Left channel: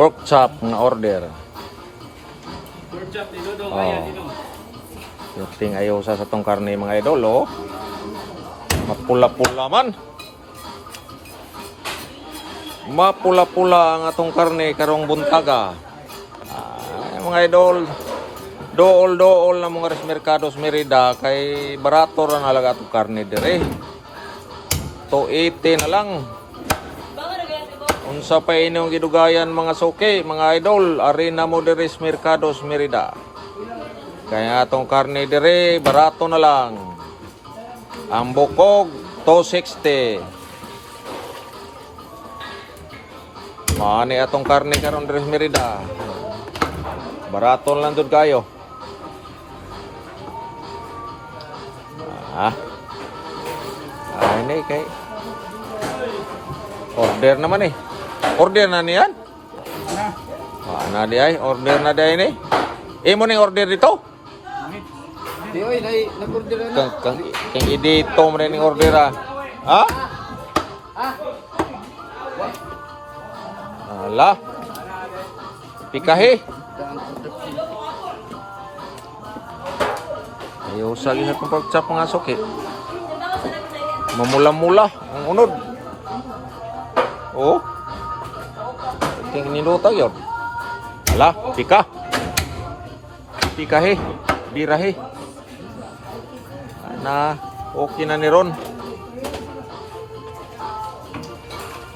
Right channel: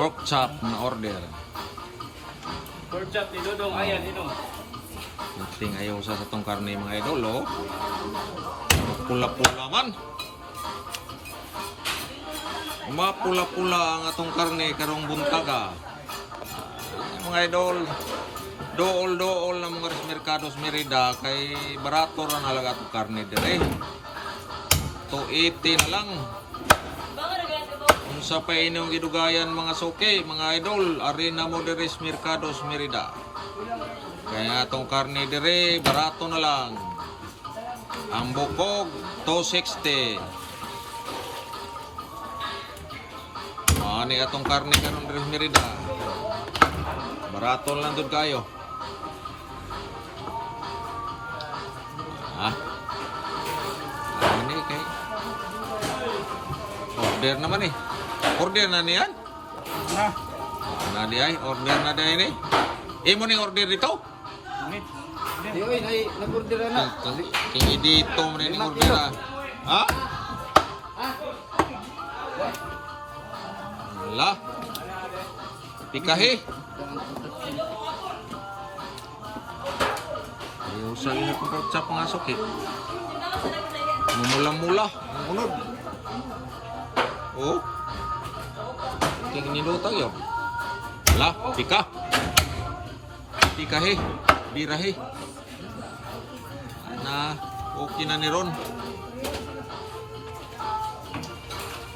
Pork chop na order. Pork chop ni Dodong. Oh. Ayan, dito. Yung ayaw sa tong karne mga idol, oh. Mapula-pula man. Mapula-pula ang atong karne karong buntaga. Mga idol, dool-dool na mga Mercados Merida kay barato ra nalaga atong karne dire. 280 na lang. Unsa pa inyong gidugayan mga suki, mga idol, arena mo dire sa Mercados Merida. Kaya atong karne dire barato na lang. Ang bukog 260. Mani atong karne karon dire sa Merida. Barato lang dud kayo. Ini kay order naman eh. Order na niyan? Na di ay order na di ini. Imo ning order dito? Di oy, nag-order na. Kang dito mo ning order ah. Ha? Ala. Pikahe. Ayaw sa isa kong pork chop mga suki. Mamula-mula ang unod. Oh. Tingin niluta yun. Ala, pika. Pikahe. Birahe. Na, okay na ni Ron.